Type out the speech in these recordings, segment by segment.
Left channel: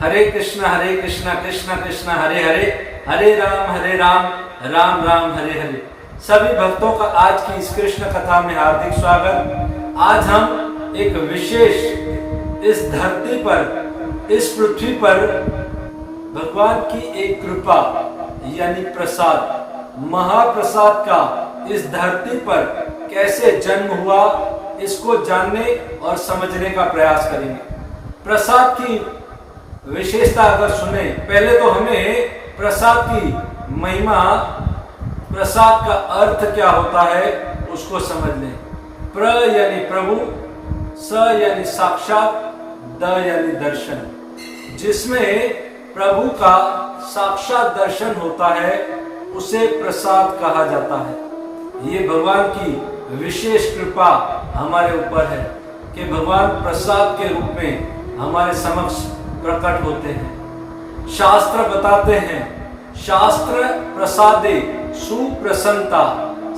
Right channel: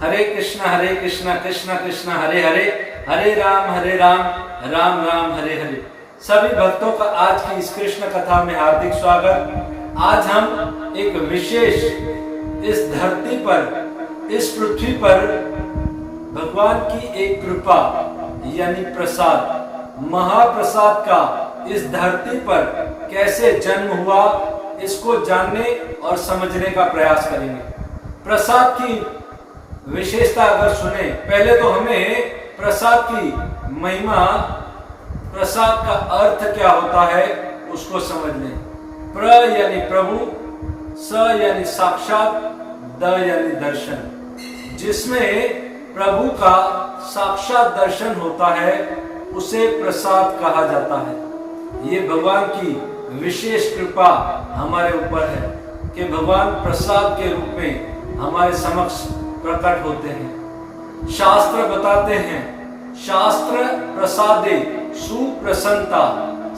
हरे कृष्णा कृष्णा कृष्णा हरे हरे, हरे राम राम राम हरे हरे। सभी भक्तों का आज की इस कृष्ण कथा में हार्दिक स्वागत। आज हम एक विशेष इस धरती पर, इस पृथ्वी पर भगवान की एक कृपा यानी प्रसाद, महाप्रसाद का इस धरती पर कैसे जन्म हुआ, इसको जानने और समझने का प्रयास करेंगे। प्रसाद की विशेषता अगर सुने, पहले तो हमें प्रसाद की महिमा, प्रसाद का अर्थ क्या होता है उसको समझ लें। प्र यानी प्रभु, स यानी साक्षात, द यानी दर्शन। जिसमें प्रभु का साक्षात दर्शन होता है उसे प्रसाद कहा जाता है। ये भगवान की विशेष कृपा हमारे ऊपर है कि भगवान प्रसाद के रूप में हमारे समक्ष प्रकट होते हैं। शास्त्र बताते हैं, शास्त्र प्रसादे सुप्रसन्नता,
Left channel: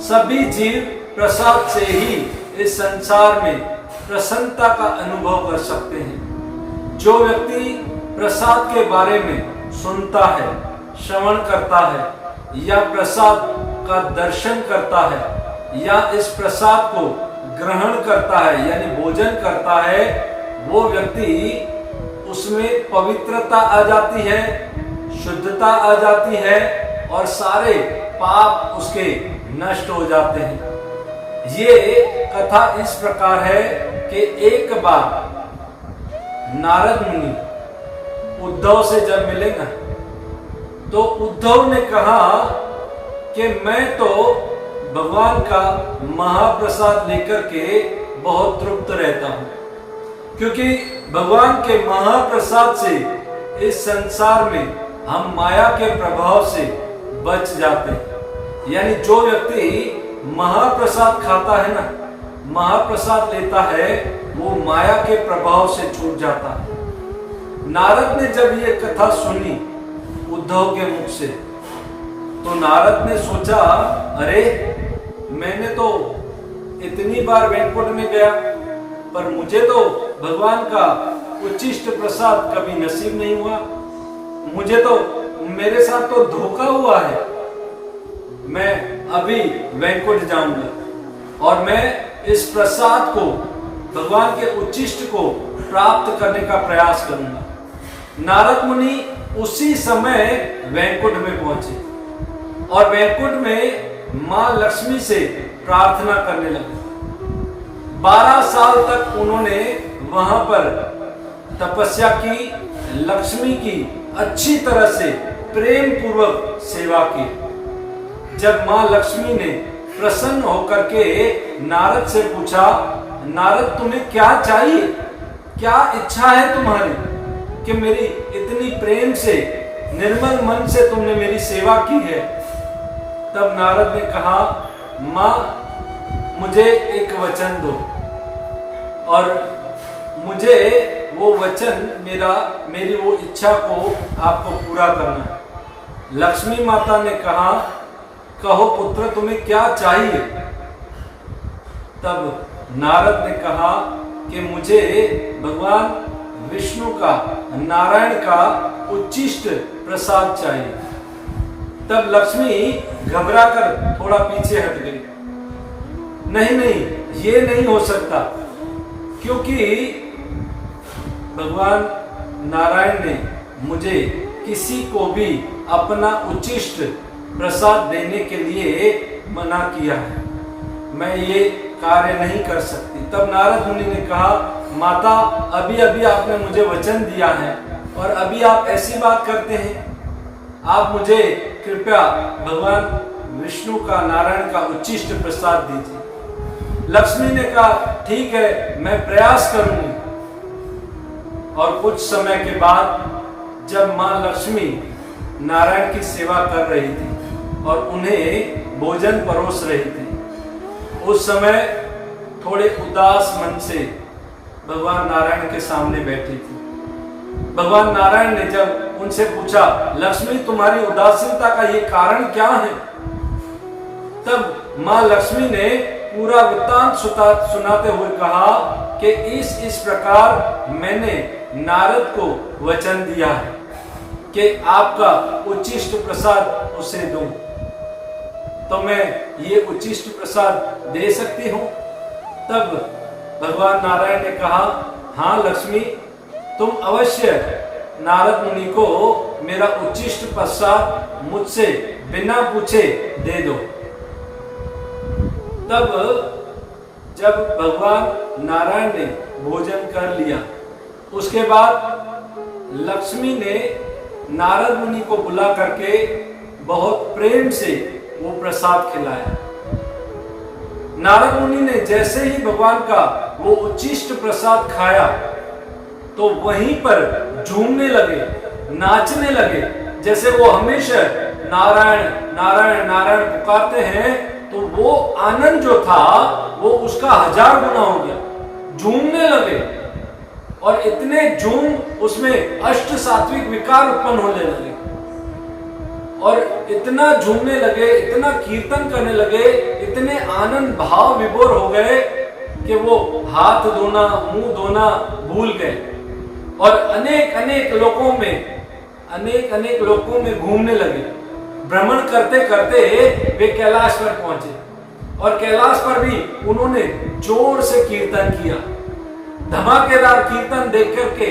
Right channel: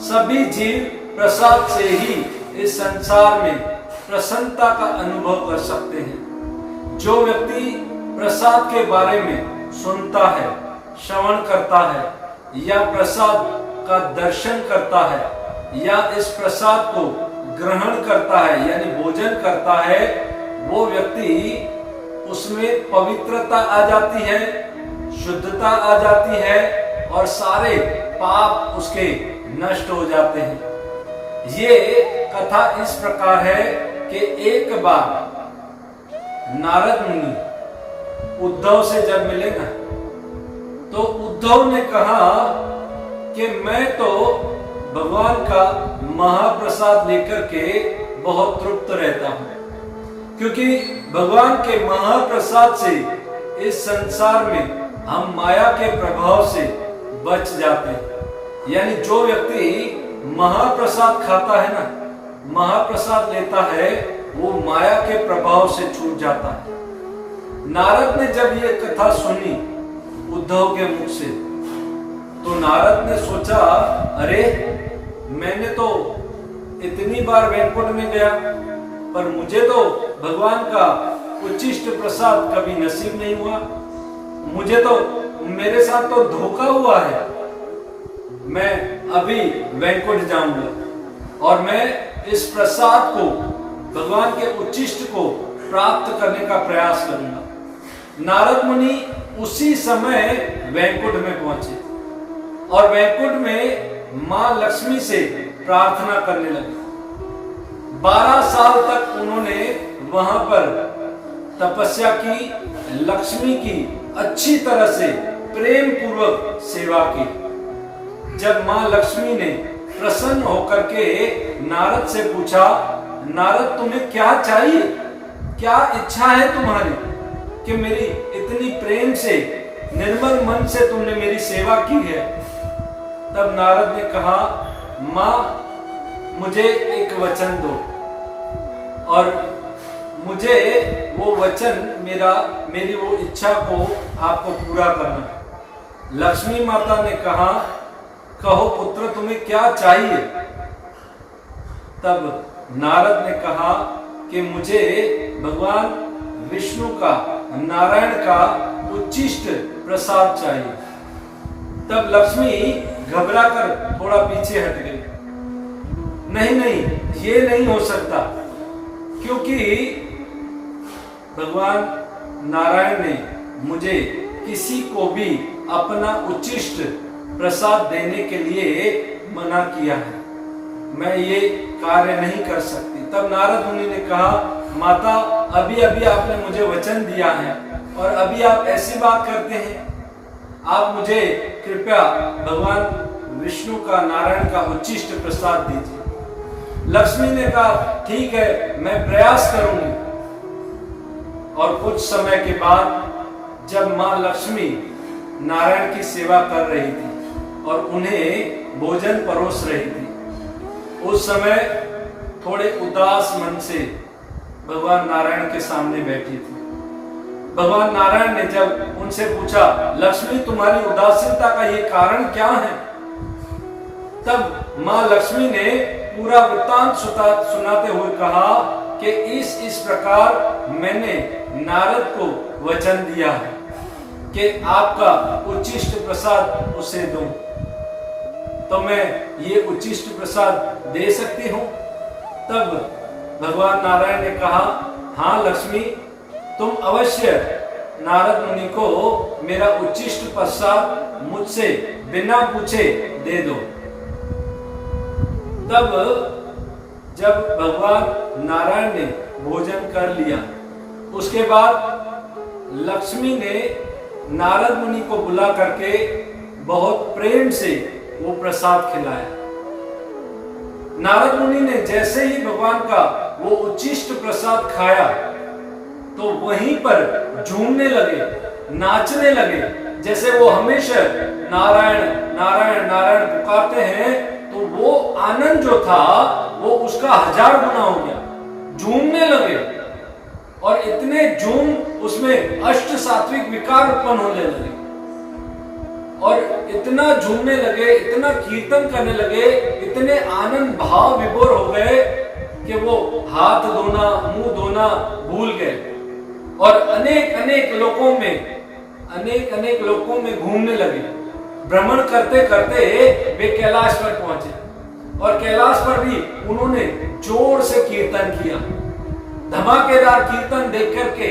सभी जीव प्रसाद से ही इस संसार में प्रसन्नता का अनुभव कर सकते हैं। जो व्यक्ति प्रसाद के बारे में सुनता है, श्रवण करता है या प्रसाद का दर्शन करता है या इस प्रसाद को ग्रहण करता है यानी भोजन करता है, वो व्यक्ति उसमें पवित्रता आ जाती है, शुद्धता आ जाती है और सारे पाप उसके नष्ट हो जाते हैं। ये कथा इस प्रकार है कि एक बार नारद मुनि उद्धव से जब मिले ना, तो उद्धव ने कहा कि मैं तो भगवान का महाप्रसाद लेकर के बहुत तृप्त रहता हूं, क्योंकि भगवान के महाप्रसाद से इस संसार में हम माया के प्रभाव से बच जाते हैं। यानी जो व्यक्ति महाप्रसाद खाता है ना, महाप्रसाद लेता है, वो माया के प्रभाव से छूट जाता है। नारद ने जब ये कथा सुनी उद्धव के मुख से, तो नारद ने सोचा, अरे मैंने तो इतनी बार वैकुंठ में गया पर मुझे तो भगवान का उच्चिष्ट प्रसाद कभी नसीब नहीं हुआ। मुझे तो, मेरे साथ तो धोखा हुआ है। मैं अभी वैकुंठ जाऊंगा और मैं इस प्रसाद को, भगवान के उच्चिष्ट को प्राप्त करने का प्रयास करूंगा। नारद मुनि उसी समय वैकुंठ में पहुंचे और वैकुंठ में मां लक्ष्मी से प्रार्थना करने लगे। 12 साल तक उन्होंने वहां पर तपस्या की, लक्ष्मी की अच्छी तरह से प्रेम पूर्वक सेवा की। जब मां लक्ष्मी ने प्रसन्न होकर के नारद से पूछा, नारद तुम्हें क्या चाहिए, क्या इच्छा है तुम्हारी कि मेरी इतनी प्रेम से, निर्मल मन से तुमने मेरी सेवा की है? तब नारद ने कहा, मां मुझे एक वचन दो और मुझे वो वचन, मेरी वो इच्छा को आपको पूरा करना है। लक्ष्मी माता ने कहा, कहो पुत्र तुम्हें क्या चाहिए? तब नारद ने कहा कि मुझे भगवान विष्णु का, नारायण का उच्चिष्ट प्रसाद चाहिए। तब लक्ष्मी घबराकर थोड़ा पीछे हट गई। नहीं, ये नहीं हो सकता, क्योंकि भगवान नारायण ने मुझे किसी को भी अपना उच्चिष्ट प्रसाद देने के लिए मना किया है, मैं ये कार्य नहीं कर सकती। तब नारद मुनि ने कहा, माता अभी अभी आपने मुझे वचन दिया है और अभी आप ऐसी बात करते हैं, आप मुझे कृपया भगवान विष्णु का, नारायण का उच्चिष्ट प्रसाद दीजिए। लक्ष्मी ने कहा, ठीक है मैं प्रयास करूंगी। और कुछ समय के बाद जब मां लक्ष्मी नारायण की सेवा कर रही थी और उन्हें भोजन परोस रही थी, उस समय थोड़े उदास मन से भगवान नारायण के सामने बैठी थी। भगवान नारायण ने जब उनसे पूछा, लक्ष्मी तुम्हारी उदासीनता का ये कारण क्या है? तब मां लक्ष्मी ने पूरा वृत्तांत सुनाते हुए कहा कि इस प्रकार मैंने नारद को वचन दिया है कि आपका उच्छिष्ट प्रसाद उसे दूं, तो मैं ये उच्छिष्ट प्रसाद दे सकती हूँ? तब भगवान नारायण ने कहा, हाँ लक्ष्मी, तुम अवश्य नारद मुनि को मेरा उच्छिष्ट प्रसाद मुझसे बिना पूछे दे दो। तब जब भगवान नारायण ने भोजन कर लिया, उसके बाद लक्ष्मी ने नारद मुनि को बुला करके बहुत प्रेम से वो प्रसाद खिलाया। नारद मुनि ने जैसे ही भगवान का वो उच्छिष्ट प्रसाद खाया तो वहीं पर झूमने लगे, नाचने लगे। जैसे वो हमेशा नारायण नारायण नारायण पुकारते हैं, तो वो आनंद जो था वो उसका 1000 गुना हो गया। झूमने लगे और इतने झूम उसमें अष्ट सात्विक विकार उत्पन्न होने लगे और इतना झूमने लगे, इतना कीर्तन करने लगे, इतने आनंद भाव विभोर हो गए कि वो हाथ धोना, मुंह धोना भूल गए और अनेक अनेक लोकों में घूमने लगे। भ्रमण करते करते वे कैलाश पर पहुंचे और कैलाश पर भी उन्होंने जोर से कीर्तन किया। धमाकेदार कीर्तन देख करके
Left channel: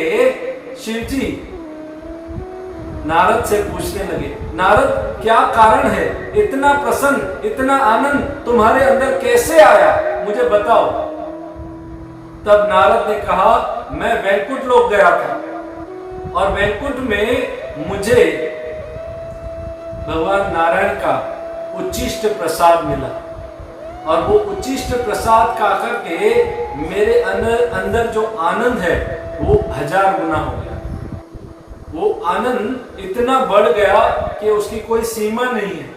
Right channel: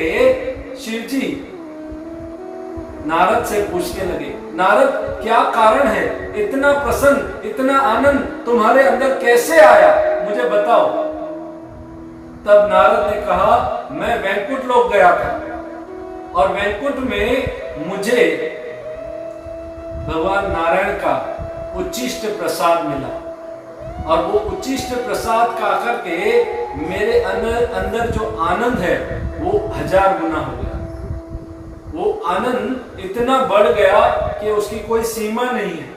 शिव जी नारद से पूछने लगे, नारद क्या कारण है? इतना प्रसन्न, इतना आनंद तुम्हारे अंदर कैसे आया, मुझे बताओ। तब नारद ने कहा, मैं वैकुंठ लोक गया था और वैकुंठ में मुझे भगवान नारायण का उच्छिष्ट प्रसाद मिला और वो उच्छिष्ट प्रसाद खा करके मेरे अंदर जो आनंद है वो 1000 गुना हो गया। वो आनंद इतना बढ़ गया कि उसकी कोई सीमा नहीं है।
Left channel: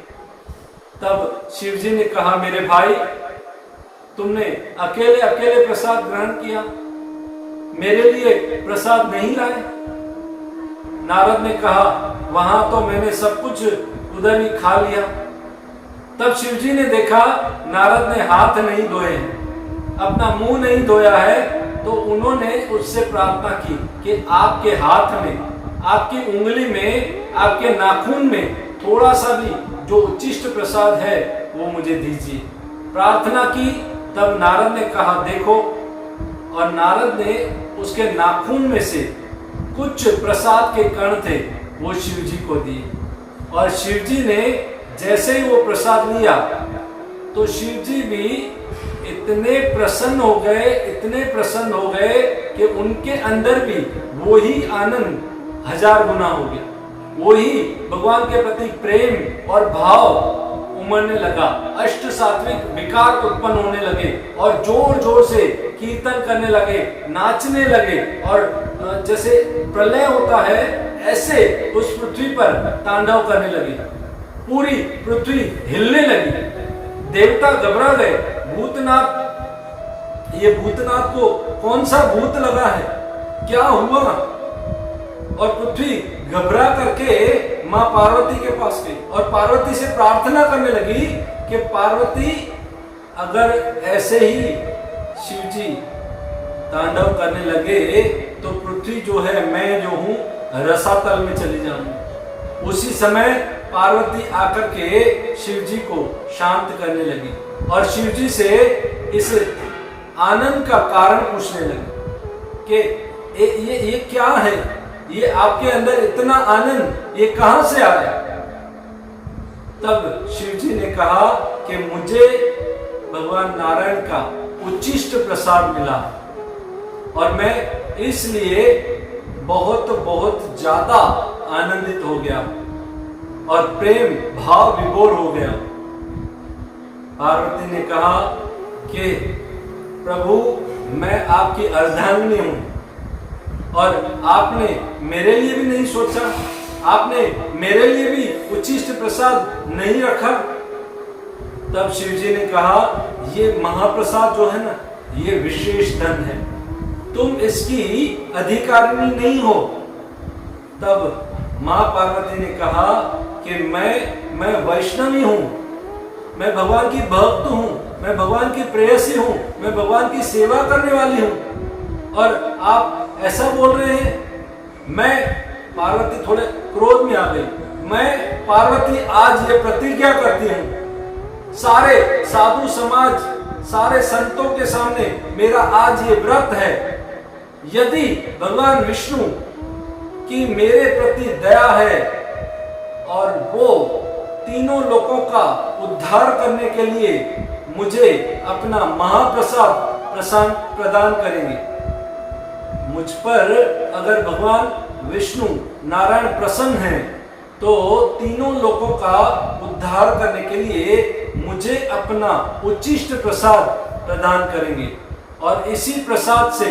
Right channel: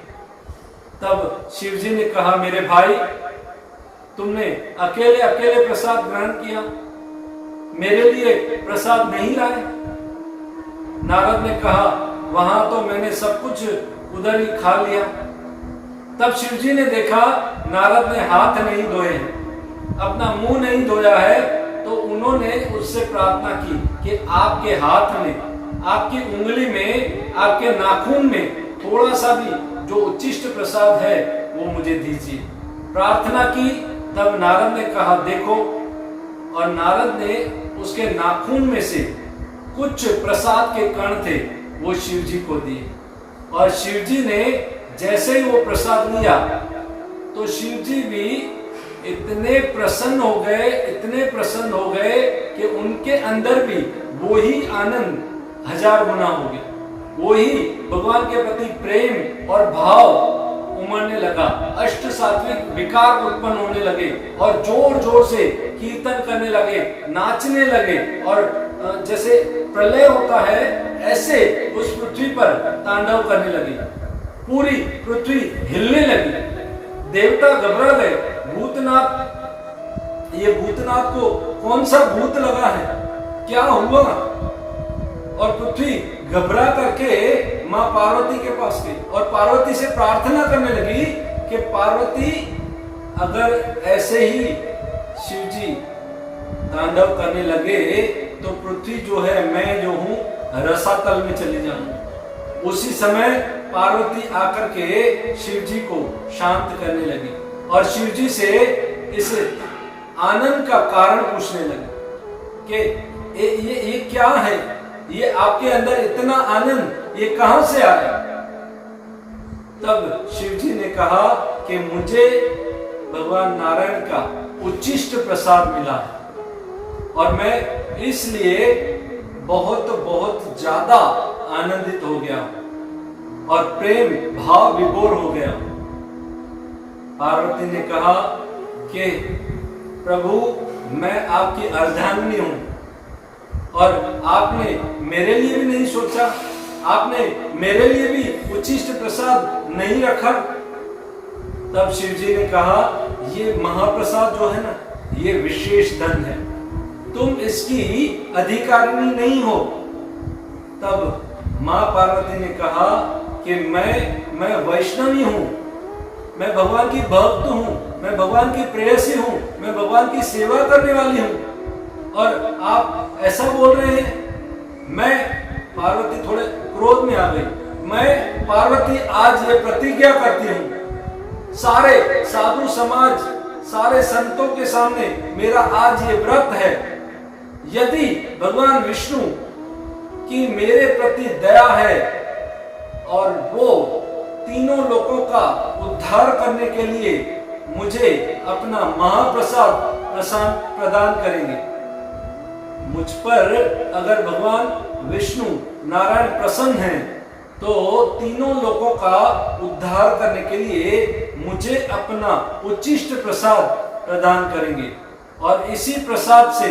तब शिव जी ने कहा, मेरे भाई, तुमने अकेले अकेले प्रसाद ग्रहण किया, मेरे लिए प्रसाद नहीं लाए? नारद ने कहा, वहां तो मैंने सब कुछ उधर ही खा लिया। तब शिव जी ने देखा नारद ने हाथ नहीं धोए हैं, अपना मुंह नहीं धोया है, तो उन्होंने उससे प्रार्थना की कि आपके हाथ में, आपकी उंगली में, आपके नाखून में थोड़ा सा भी जो उच्छिष्ट प्रसाद है वो मुझे दीजिए। प्रार्थना की। तब नारद ने कहा, देखो, और नारद ने उसके नाखून में से कुछ प्रसाद के कण थे वो शिव जी को दिए और शिव जी ने जैसे ही वो प्रसाद लिया तो शिव जी भी इतने प्रसन्न हो गए कि उनके अंदर भी वही आनंद 1000 गुना हो गया। वही भगवान के प्रति प्रेम और भाव उमड़ने लगा, अष्ट सात्विक विकार उत्पन्न होने लगे और जोर जोर से कीर्तन करने लगे, नाचने लगे और जैसे प्रलय होता है ऐसे उस पृथ्वी पर तांडव करने लगे। पूरी पृथ्वी हिलने लगी, देवता घबरा गए। भूतनाथ, ये भूतनाथ को कौन सा भूत लगा है, क्या हुआ? और पृथ्वी घबरा करके मां पार्वती के पास गई और पार्वती से प्रार्थना करने लगी कि पार्वती, अगर ऐसे ही शिव जी तांडव करने लगे तो पृथ्वी जो है, मैं जो हूं, रसातल में चली जाऊंगी। उसी समय पार्वती आकर के शिव जी को शांत करने लगी और शिव जी से इस आनंद का कारण पूछने लगी कि ये क्या है, ये आपके अंदर इतना आनंद ये कहां से आया? तब शिव जी ने कहा कि मुझे भगवान नारायण का उच्छिष्ट प्रसाद मिला और मैं इसलिए बहुत बहुत ज्यादा आनंदित हो गया और प्रेम भाव विभोर हो गया। पार्वती ने कहा कि प्रभु, मैं आपकी अर्धांगिनी हूं और आपने मेरे लिए भी नहीं सोचा, आपने मेरे लिए भी उच्छिष्ट प्रसाद नहीं रखा। तब शिव जी ने कहा, ये महाप्रसाद जो है ना, ये विशेष धन है, तुम इसकी अधिकारिणी नहीं हो। तब मां पार्वती ने कहा कि मैं वैष्णवी हूं, मैं भगवान की भक्त हूं, मैं भगवान की प्रेयसी हूं, मैं भगवान की सेवा करने वाली हूं, और आप ऐसा बोल रहे हैं। मैं पार्वती थोड़े क्रोध में आ गई। मैं पार्वती आज ये प्रतिज्ञा करती हूं, सारे साधु समाज, सारे संतों के सामने मेरा आज ये व्रत है, यदि भगवान विष्णु की मेरे प्रति दया है और वो तीनों लोकों का उद्धार करने के लिए मुझे अपना महाप्रसाद प्रदान करेंगे, मुझ पर अगर भगवान विष्णु नारायण प्रसन्न हैं, तो तीनों लोकों का उद्धार करने के लिए मुझे अपना उच्चिष्ट प्रसाद प्रदान करेंगे और इसी प्रसाद से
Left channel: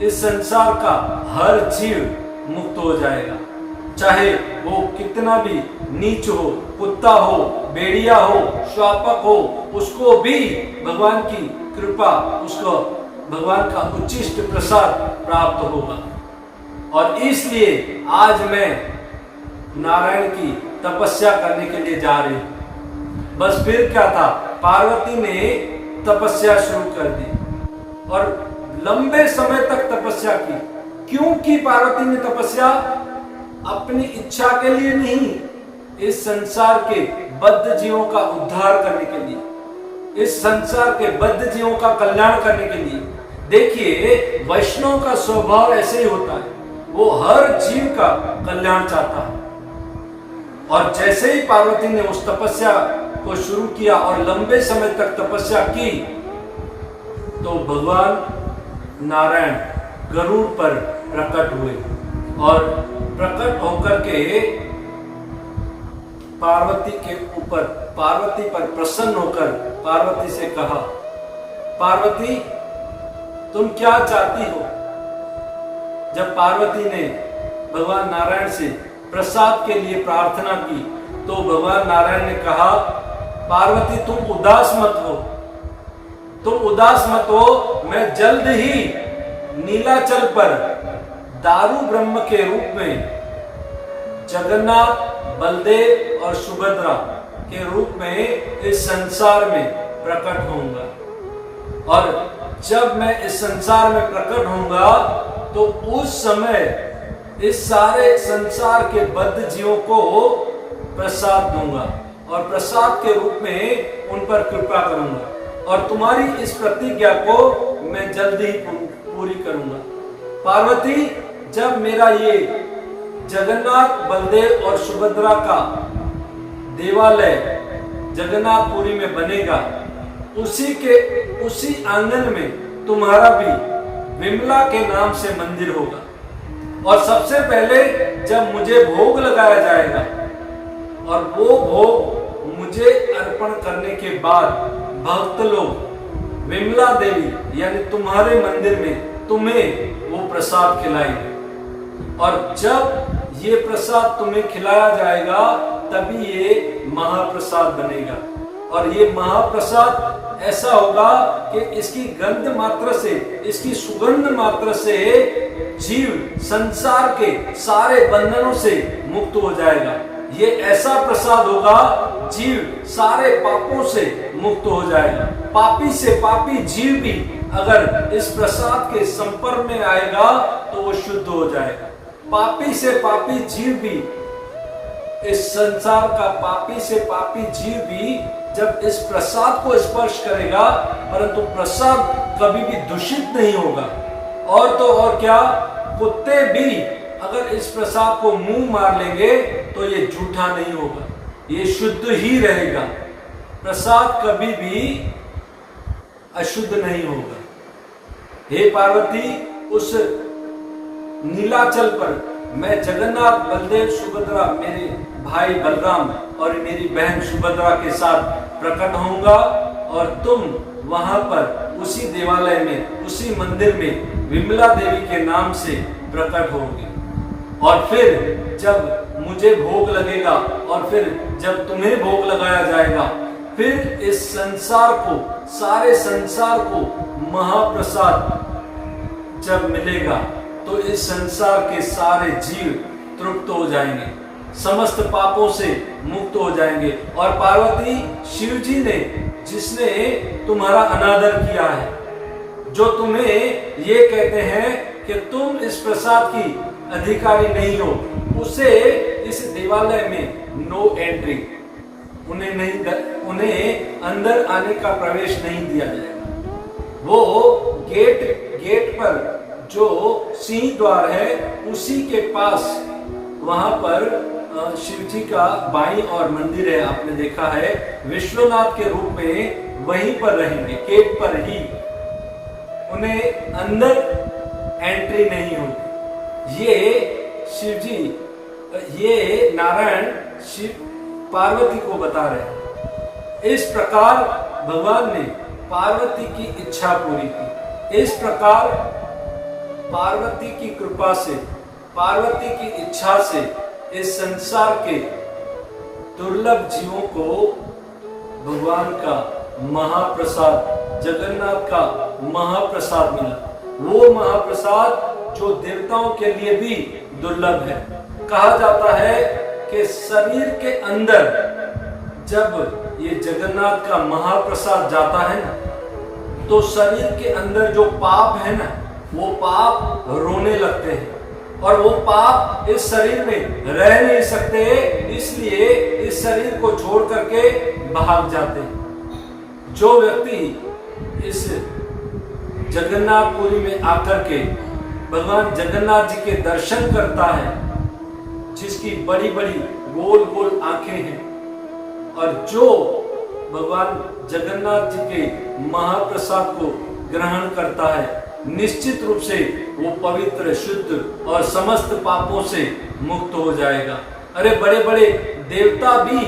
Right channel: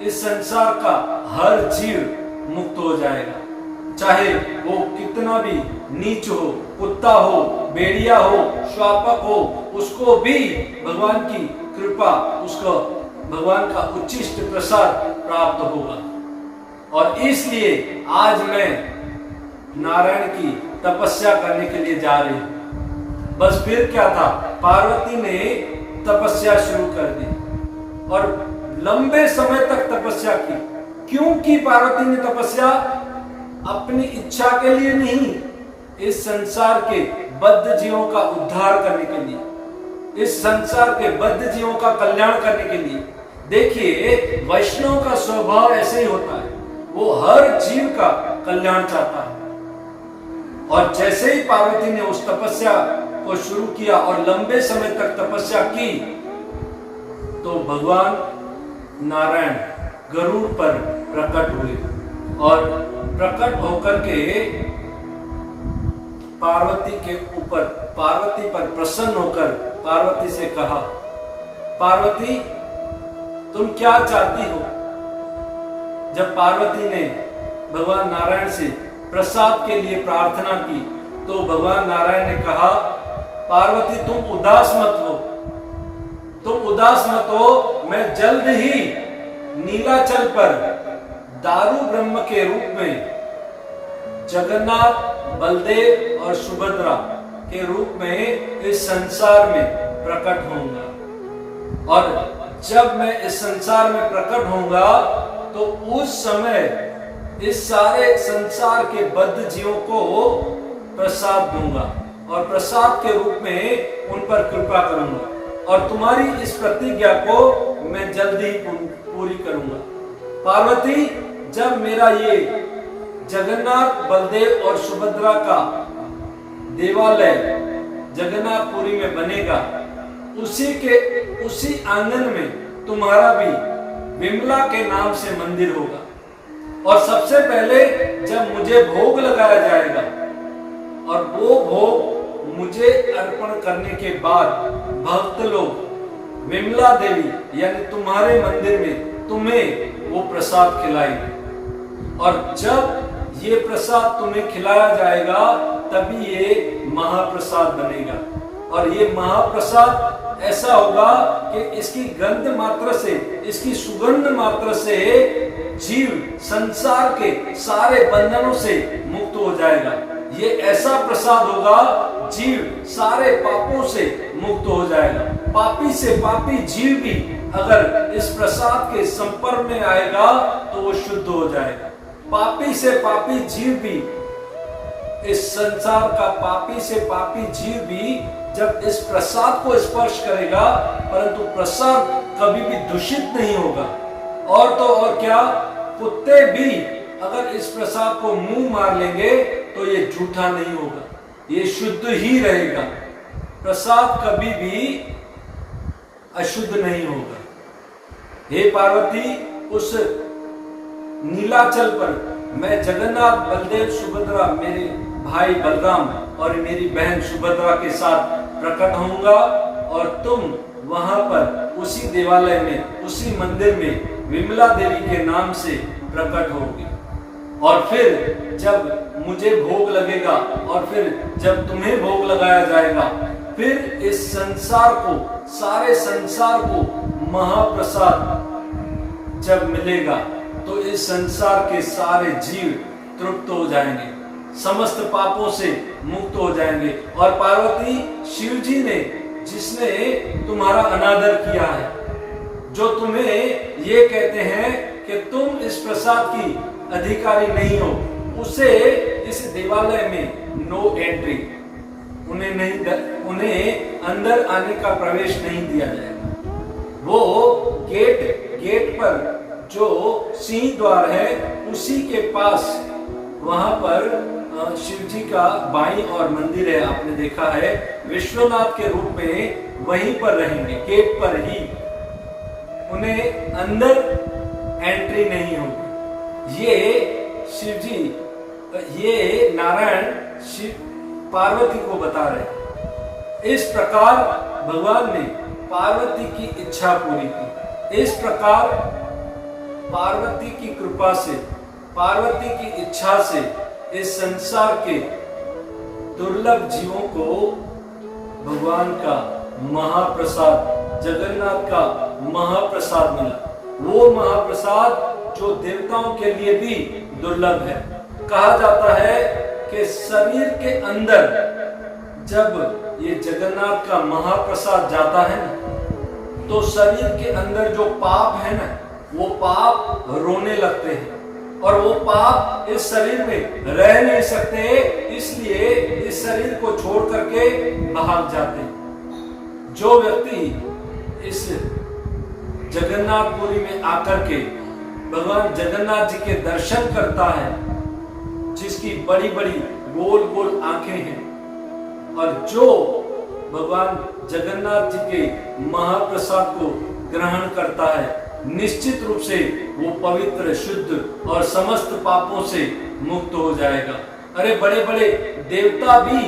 इस संसार का हर जीव मुक्त हो जाएगा, चाहे वो कितना भी नीच हो, कुत्ता हो, भेड़िया हो, श्वापक हो, उसको भी भगवान की कृपा, उसको भगवान का उच्चिष्ट प्रसाद प्राप्त होगा। और इसलिए आज मैं नारायण की तपस्या करने के लिए जा रही हूं। बस फिर क्या था, पार्वती ने तपस्या शुरू कर दी और लंबे समय तक तपस्या की। क्यों की पार्वती ने तपस्या? अपनी इच्छा के लिए नहीं, इस संसार के बद्ध जीवों का उद्धार करने के लिए, इस संसार के बद्ध जीवों का कल्याण करने के लिए। देखिए, वैष्णव का स्वभाव ऐसे ही होता है, वो हर जीव का कल्याण चाहता है। और जैसे ही पार्वती ने उस तपस्या को शुरू किया और लंबे समय तक तपस्या की, तो भगवान नारायण गरुड़ पर प्रकट हुए और प्रकट होकर के पार्वती के ऊपर, पार्वती पर प्रसन्न होकर पार्वती से कहा, पार्वती तुम क्या चाहती हो? जब पार्वती ने भगवान नारायण से प्रसाद के लिए प्रार्थना की, तो भगवान नारायण ने कहा, पार्वती तुम उदास मत हो, तुम उदास मत हो, मैं जल्द ही नीलाचल पर दारू ब्रह्म के रूप में जगन्नाथ, बलदेव और सुभद्रा के रूप में इस संसार में प्रकट होऊंगा। और जब मैं इस संसार में प्रकट होऊंगा, तो उस समय इस सारे संसार के बद्ध जीवों को प्रसाद दूंगा और प्रसाद के रूप में उन पर कृपा करूंगा और तुम्हारी इस प्रतिज्ञा को मैं जल्द ही पूरी करूंगा। पार्वती, जब मेरा ये जगन्नाथ, बलदेव और सुभद्रा का देवालय जगन्नाथपुरी में बनेगा, उसी आंगन में तुम्हारा भी विमला के नाम से मंदिर होगा। और सबसे पहले जब मुझे भोग लगाया जाएगा और वो भोग मुझे अर्पण करने के बाद भक्त लोग विमला देवी यानी तुम्हारे मंदिर में तुम्हें वो प्रसाद खिलाएंगे। और जब ये प्रसाद तुम्हें खिलाया जाएगा, तभी ये महाप्रसाद बनेगा। और ये महाप्रसाद ऐसा होगा कि इसकी गंध मात्र से, इसकी सुगंध मात्र से जीव संसार के सारे बंधनों से मुक्त हो जाएगा। ये ऐसा प्रसाद होगा, जीव सारे पापों से मुक्त हो जाएगा। पापी से पापी जीव भी अगर इस प्रसाद के संपर्क में आएगा तो वो शुद्ध हो जाएगा। पापी से पापी जीव भी, इस संसार का पापी से पापी जीव भी जब इस प्रसाद को स्पर्श करेगा, परंतु प्रसाद कभी भी दूषित नहीं होगा। और तो और क्या, कुत्ते भी अगर इस प्रसाद को मुंह मार लेंगे तो ये झूठा नहीं होगा, ये शुद्ध ही रहेगा। प्रसाद कभी भी अशुद्ध नहीं होगा। हे पार्वती, उस नीलाचल पर मैं जगन्नाथ, बलदेव, सुभद्रा, मेरे भाई बलराम और मेरी बहन सुभद्रा के साथ प्रकट होऊंगा और तुम वहां पर उसी देवालय में, उसी मंदिर में विमला देवी के नाम से प्रकट होगी। और फिर जब मुझे भोग लगेगा और फिर जब तुम्हें भोग लगाया जाएगा, फिर इस संसार को, सारे संसार को महाप्रसाद जब मिलेगा, तो इस संसार के सारे जीव तृप्त हो जाएंगे, समस्त पापों से मुक्त हो जाएंगे। और पार्वती, शिव जी ने, जिसने तुम्हारा अनादर किया है, जो तुम्हें ये कहते हैं कि तुम इस प्रसाद की अधिकारी नहीं हो, उसे इस देवालय में नो एंट्री, उन्हें अंदर आने का प्रवेश नहीं दिया जाएगा। वो गेट पर जो सिंह द्वार है उसी के पास, वहां पर शिव जी का बाईं और मंदिर है, आपने देखा है, विश्वनाथ के रूप में वहीं पर रहेंगे, गेट पर ही, उन्हें अंदर एंट्री नहीं होगी। ये शिव जी, ये नारायण शिव पार्वती को बता रहे हैं। इस प्रकार भगवान ने पार्वती की इच्छा पूरी की। इस प्रकार पार्वती की कृपा से, पार्वती की इच्छा से इस संसार के दुर्लभ जीवों को भगवान का महाप्रसाद, जगन्नाथ का महाप्रसाद मिला। वो महाप्रसाद जो देवताओं के लिए भी दुर्लभ है। कहा जाता है कि शरीर के अंदर जब ये जगन्नाथ का महाप्रसाद जाता है ना, तो शरीर के अंदर जो पाप है ना, वो पाप रोने लगते हैं और वो पाप इस शरीर में रह नहीं सकते, इसलिए इस शरीर को छोड़ करके भाग जाते हैं। जो व्यक्ति इस जगन्नाथपुरी में आकर के भगवान जगन्नाथ जी के दर्शन करता है, जिसकी बड़ी बड़ी गोल गोल आंखें हैं, और जो भगवान जगन्नाथ जी के महाप्रसाद को ग्रहण करता है, निश्चित रूप से वो पवित्र, शुद्ध और समस्त पापों से मुक्त हो जाएगा। अरे बड़े बड़े देवता भी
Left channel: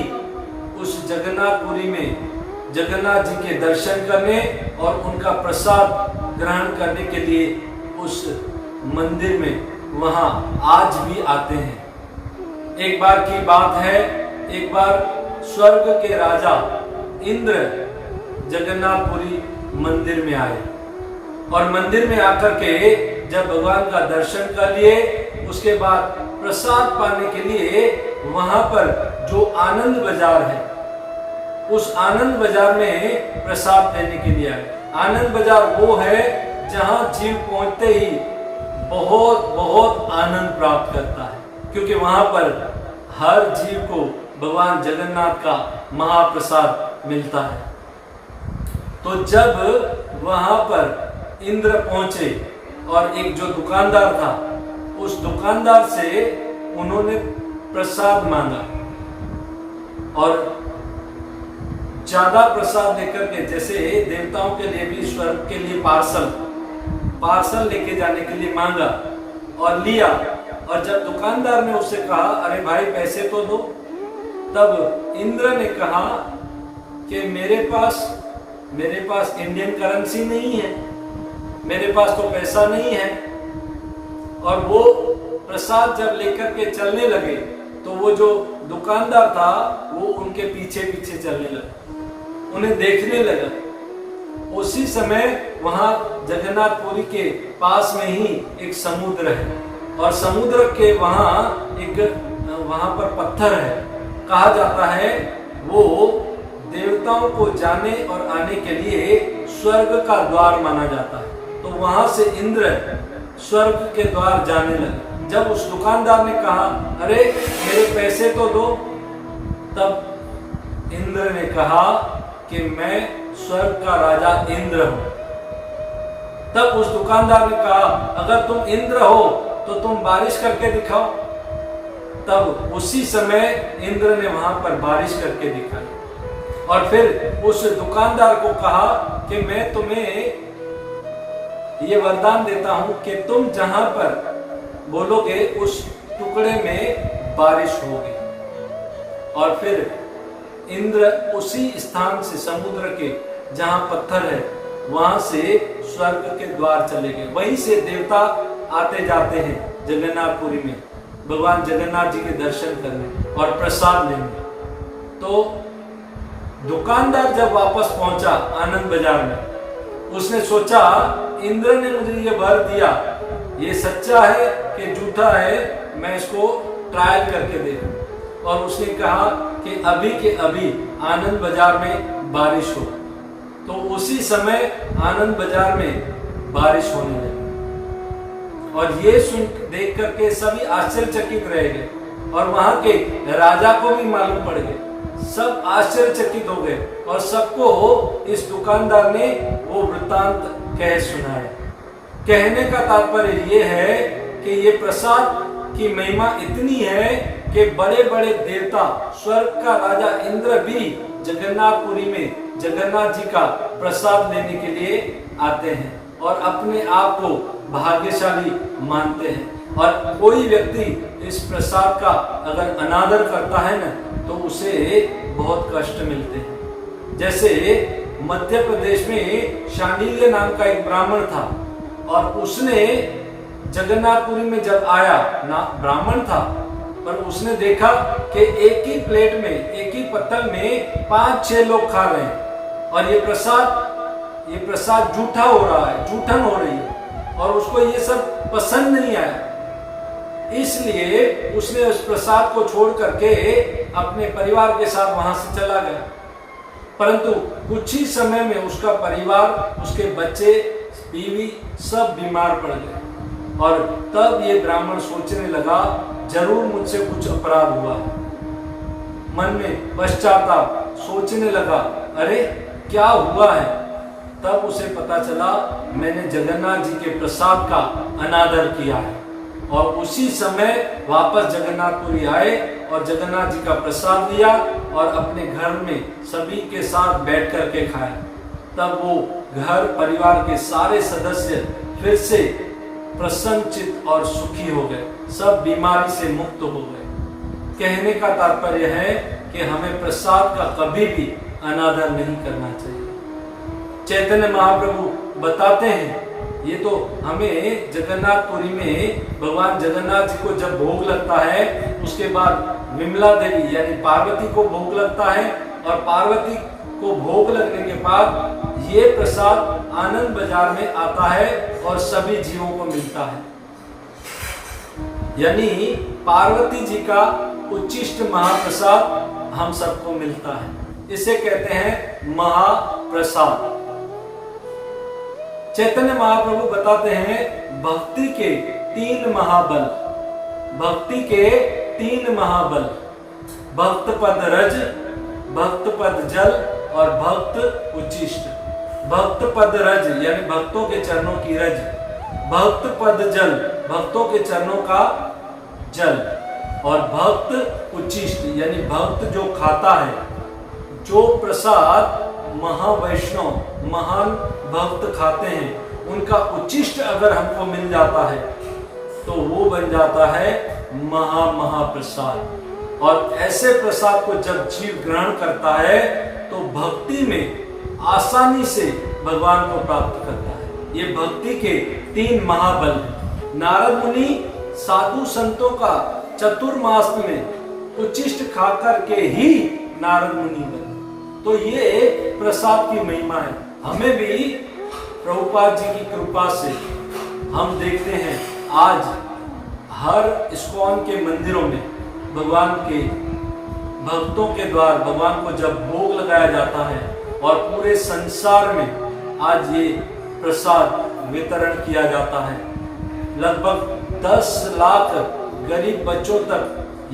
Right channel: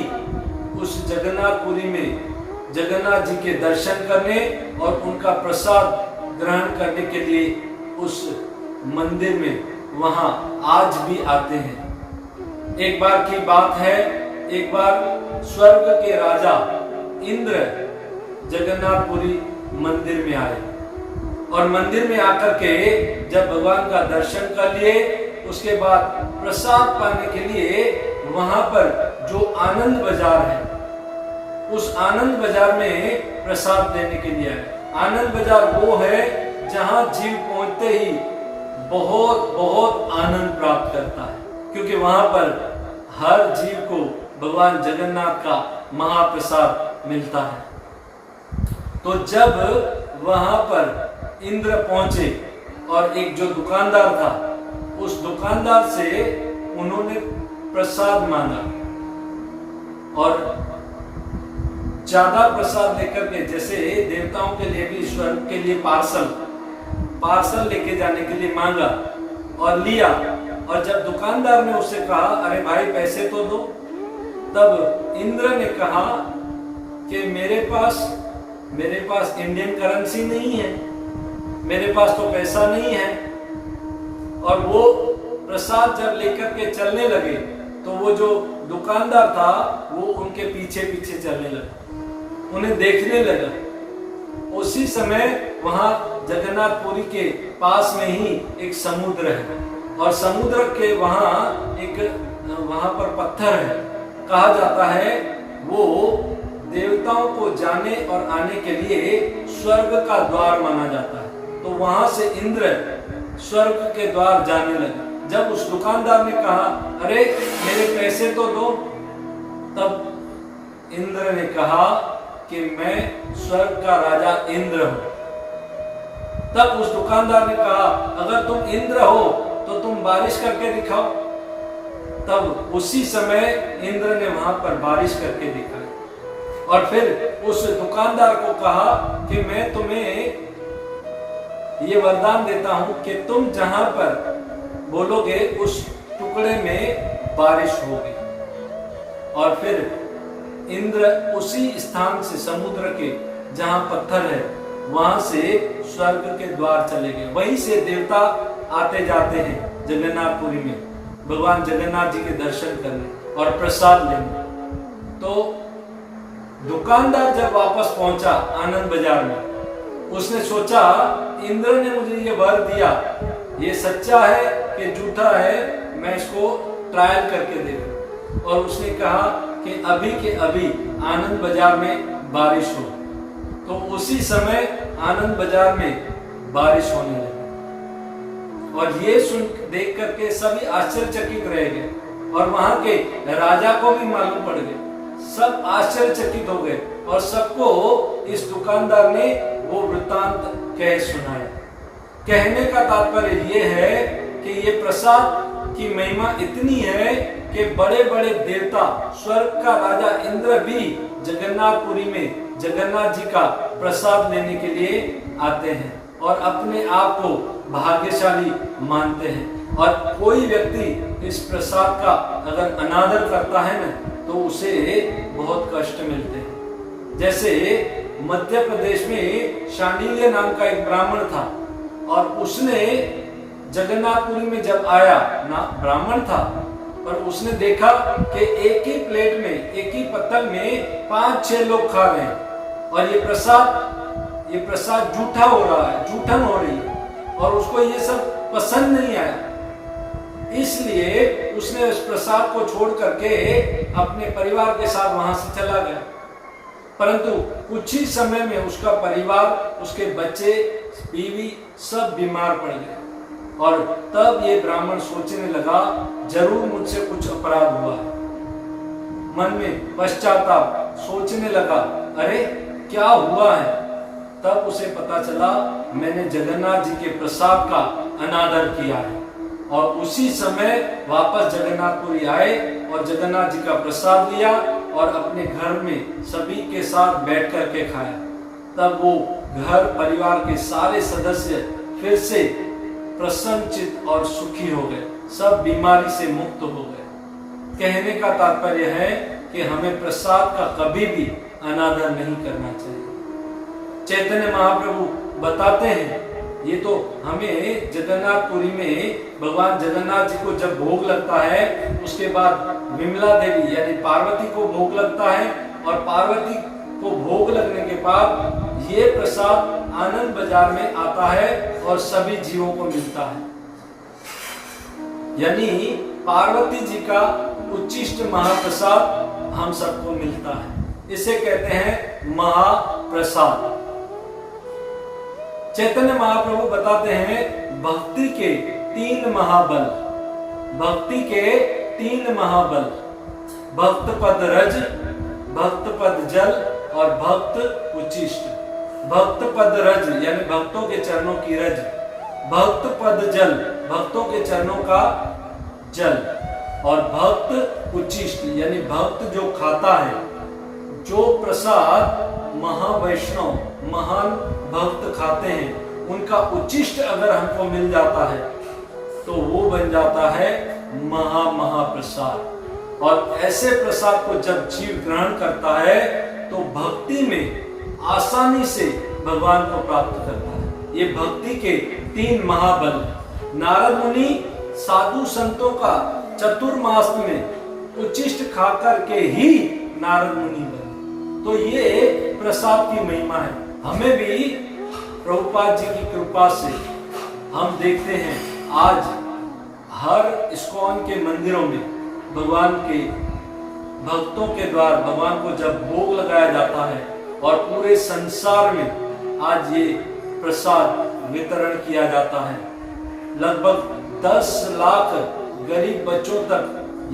उस जगन्नाथपुरी में जगन्नाथ जी के दर्शन करने और उनका प्रसाद ग्रहण करने के लिए उस मंदिर में वहां आज भी आते हैं। एक बार की बात है, एक बार स्वर्ग के राजा इंद्र जगन्नाथपुरी मंदिर में आए और मंदिर में आकर के जब भगवान का दर्शन कर लिए, उसके बाद प्रसाद पाने के लिए वहां पर जो आनंद बाजार है, उस आनंद बाजार में प्रसाद लेने के लिए आए। आनंद बाजार वो है जहां जीव पहुंचते ही बहुत बहुत आनंद प्राप्त करता है, क्योंकि वहां पर हर जीव को भगवान जगन्नाथ का महाप्रसाद मिलता है। तो जब वहां पर इंद्र पहुंचे और एक जो दुकानदार था, उस दुकानदार से उन्होंने प्रसाद मांगा और ज्यादा प्रसाद लेकर के, जैसे देवताओं के लिए भी स्वर्ग के लिए पार्सल लेके जाने के लिए मांगा और लिया। और जब दुकानदार ने उससे कहा, अरे भाई पैसे तो दो, तब इंद्र ने कहा कि मेरे पास इंडियन करेंसी नहीं है, मेरे पास तो पैसा नहीं है। और वो प्रसाद जब लेकर के चलने लगे तो वो जो दुकानदार था वो उनके पीछे पीछे चलने लगा, उन्हें देखने लगा। उसी समय वहां जगन्नाथपुरी के पास में ही एक समुद्र है और समुद्र के वहां पर पत्थर है। कहा जाता है वो देवताओं को जाने और आने के लिए स्वर्ग का द्वार माना जाता है। तो वहां से इंद्र स्वर्ग के द्वार जाने लगे। जब उस दुकानदार ने कहा, अरे मेरे पैसे तो दो, तब इंद्र ने कहा कि मैं स्वर्ग का राजा इंद्र हूं। तब उस दुकानदार ने कहा, अगर तुम इंद्र हो तो तुम बारिश करके दिखाओ। तब उसी समय इंद्र ने वहां पर बारिश करके दिखाई और फिर उस दुकानदार को कहा कि मैं तुम्हें ये वरदान देता हूं कि तुम जहां पर बोलोगे उस टुकड़े में बारिश होगी। और फिर इंद्र उसी स्थान से, समुद्र के जहां पत्थर है, वहां से स्वर्ग के द्वार चले गए। वहीं से देवता आते जाते हैं जगन्नाथपुरी में भगवान जगन्नाथ जी के दर्शन करने और प्रसाद लेने। तो दुकानदार जब वापस पहुंचा आनंद बाजार में, उसने सोचा इंद्र ने मुझे ये वर दिया, ये सच्चा है कि झूठा है, मैं इसको ट्रायल करके देखूं। और उसने कहा कि अभी के अभी आनंद बाजार में बारिश हो। तो उसी समय आनंद बाजार में बारिश होने लगी। और ये सुन देख करके सभी आश्चर्यचकित रह गए और वहां के राजा को भी मालूम पड़ गए। सब आश्चर्यचकित हो गए और सबको इस दुकानदार ने वो वृत्तांत कह सुनाया। कहने का तात्पर्य ये है कि ये प्रसाद की महिमा इतनी है कि बड़े बड़े देवता, स्वर्ग का राजा इंद्र भी जगन्नाथपुरी में जगन्नाथ जी का प्रसाद लेने के लिए आते हैं और अपने आप को भाग्यशाली मानते हैं। और कोई व्यक्ति इस प्रसाद का अगर अनादर करता है ना तो उसे बहुत कष्ट मिलते हैं। जैसे मध्य प्रदेश में शांडिल्य नाम का एक ब्राह्मण था और उसने जगन्नाथपुरी में जब आया ना, ब्राह्मण था, पर उसने देखा कि एक ही प्लेट में, एक ही पत्तल में 5-6 लोग खा रहे हैं और ये प्रसाद जूठा हो रहा है, जूठन हो रही है और उसको ये सब पसंद नहीं आया। इसलिए उसने उस प्रसाद को छोड़ करके अपने परिवार के साथ वहां से चला गया। परंतु कुछ ही समय में उसका परिवार, उसके बच्चे, बीवी सब बीमार पड़ गए और तब ये ब्राह्मण सोचने लगा जरूर मुझसे कुछ अपराध हुआ है। मन में पश्चाताप, सोचने लगा अरे क्या हुआ है। तब उसे पता चला मैंने जगन्नाथ जी के प्रसाद का अनादर किया है और उसी समय वापस जगन्नाथपुरी आए और जगन्नाथ जी का प्रसाद लिया और अपने घर में सभी के साथ बैठ करके खाया। तब वो घर परिवार के सारे सदस्य फिर से प्रसन्नचित और सुखी हो गए, सब बीमारी से मुक्त हो गए। कहने का तात्पर्य है कि हमें प्रसाद का कभी भी अनादर नहीं करना चाहिए। चैतन्य महाप्रभु बताते हैं, ये तो हमें जगन्नाथपुरी में भगवान जगन्नाथ जी को जब भोग लगता है उसके बाद विमला देवी यानी पार्वती को भोग लगता है और पार्वती को भोग लगने के बाद ये प्रसाद आनंद बाजार में आता है और सभी जीवों को मिलता है। यानी पार्वती जी का उच्चिष्ट महाप्रसाद हम सबको मिलता है। इसे कहते हैं महाप्रसाद। चैतन्य महाप्रभु बताते हैं भक्ति के 3 महाबल, भक्ति के 3 महाबल, भक्त पद रज, भक्त पद जल और भक्त उच्चिष्ट। भक्त पद रज यानी भक्तों के चरणों की रज, भक्त पद जल भक्तों के चरणों का जल और भक्त उच्चिष्ट यानी भक्त जो खाता है, जो प्रसाद महावैष्णव महान भक्त खाते हैं उनका उच्चिष्ट अगर हमको मिल जाता है तो वो बन जाता है महाप्रसाद। और ऐसे प्रसाद को जब जीव ग्रहण करता है तो भक्ति में आसानी से भगवान को प्राप्त करता है। ये भक्ति के 3 महाबल हैं। नारद मुनि साधु संतों का चतुर्मास में उच्चिष्ट खाकर के ही नारद मुनि बने। तो ये प्रसाद की महिमा है। हमें भी प्रभुपाद जी की कृपा से हम देखते हैं आज हर इस्कॉन के मंदिरों में भगवान के भक्तों के द्वारा भगवान को जब भोग लगाया जाता है और पूरे संसार में आज ये प्रसाद वितरण किया जाता है। लगभग 10 लाख गरीब बच्चों तक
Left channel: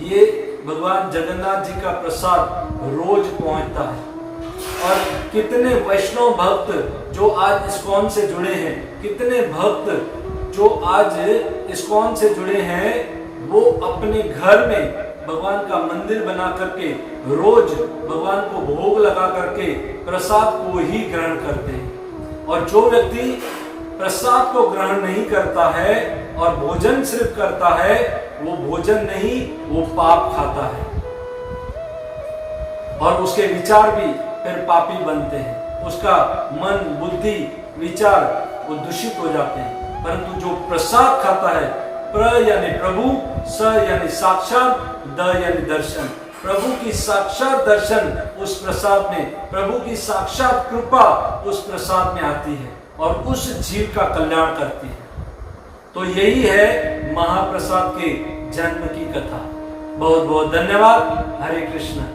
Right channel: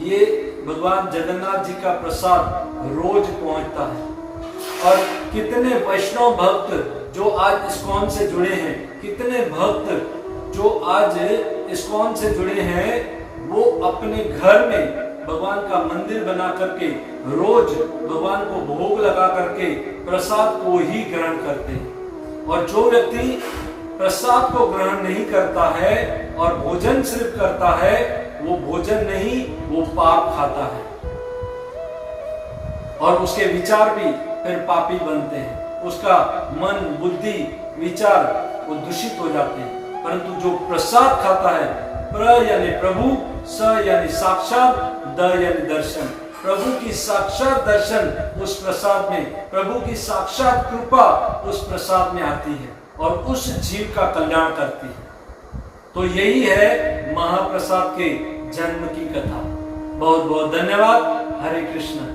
ये भगवान जगन्नाथ जी का प्रसाद रोज पहुंचता है। और कितने वैष्णव भक्त जो आज इस्कॉन से जुड़े हैं, कितने भक्त जो आज इस्कॉन से जुड़े हैं, वो अपने घर में भगवान का मंदिर बना करके रोज भगवान को भोग लगा करके प्रसाद को ही ग्रहण करते हैं। और जो व्यक्ति प्रसाद को ग्रहण नहीं करता है और भोजन सिर्फ करता है, वो भोजन नहीं, वो पाप खाता है और उसके विचार भी फिर पापी बनते हैं। उसका मन, बुद्धि, विचार वो दूषित हो जाते हैं। परंतु जो प्रसाद खाता है, प्र यानी प्रभु, स यानी साक्षात, द यानी दर्शन, प्रभु की साक्षात दर्शन उस प्रसाद में, प्रभु की साक्षात कृपा उस प्रसाद में आती है और उस जीव का कल्याण करती है। तो यही है महाप्रसाद के जन्म की कथा। बहुत बहुत धन्यवाद। हरे कृष्ण।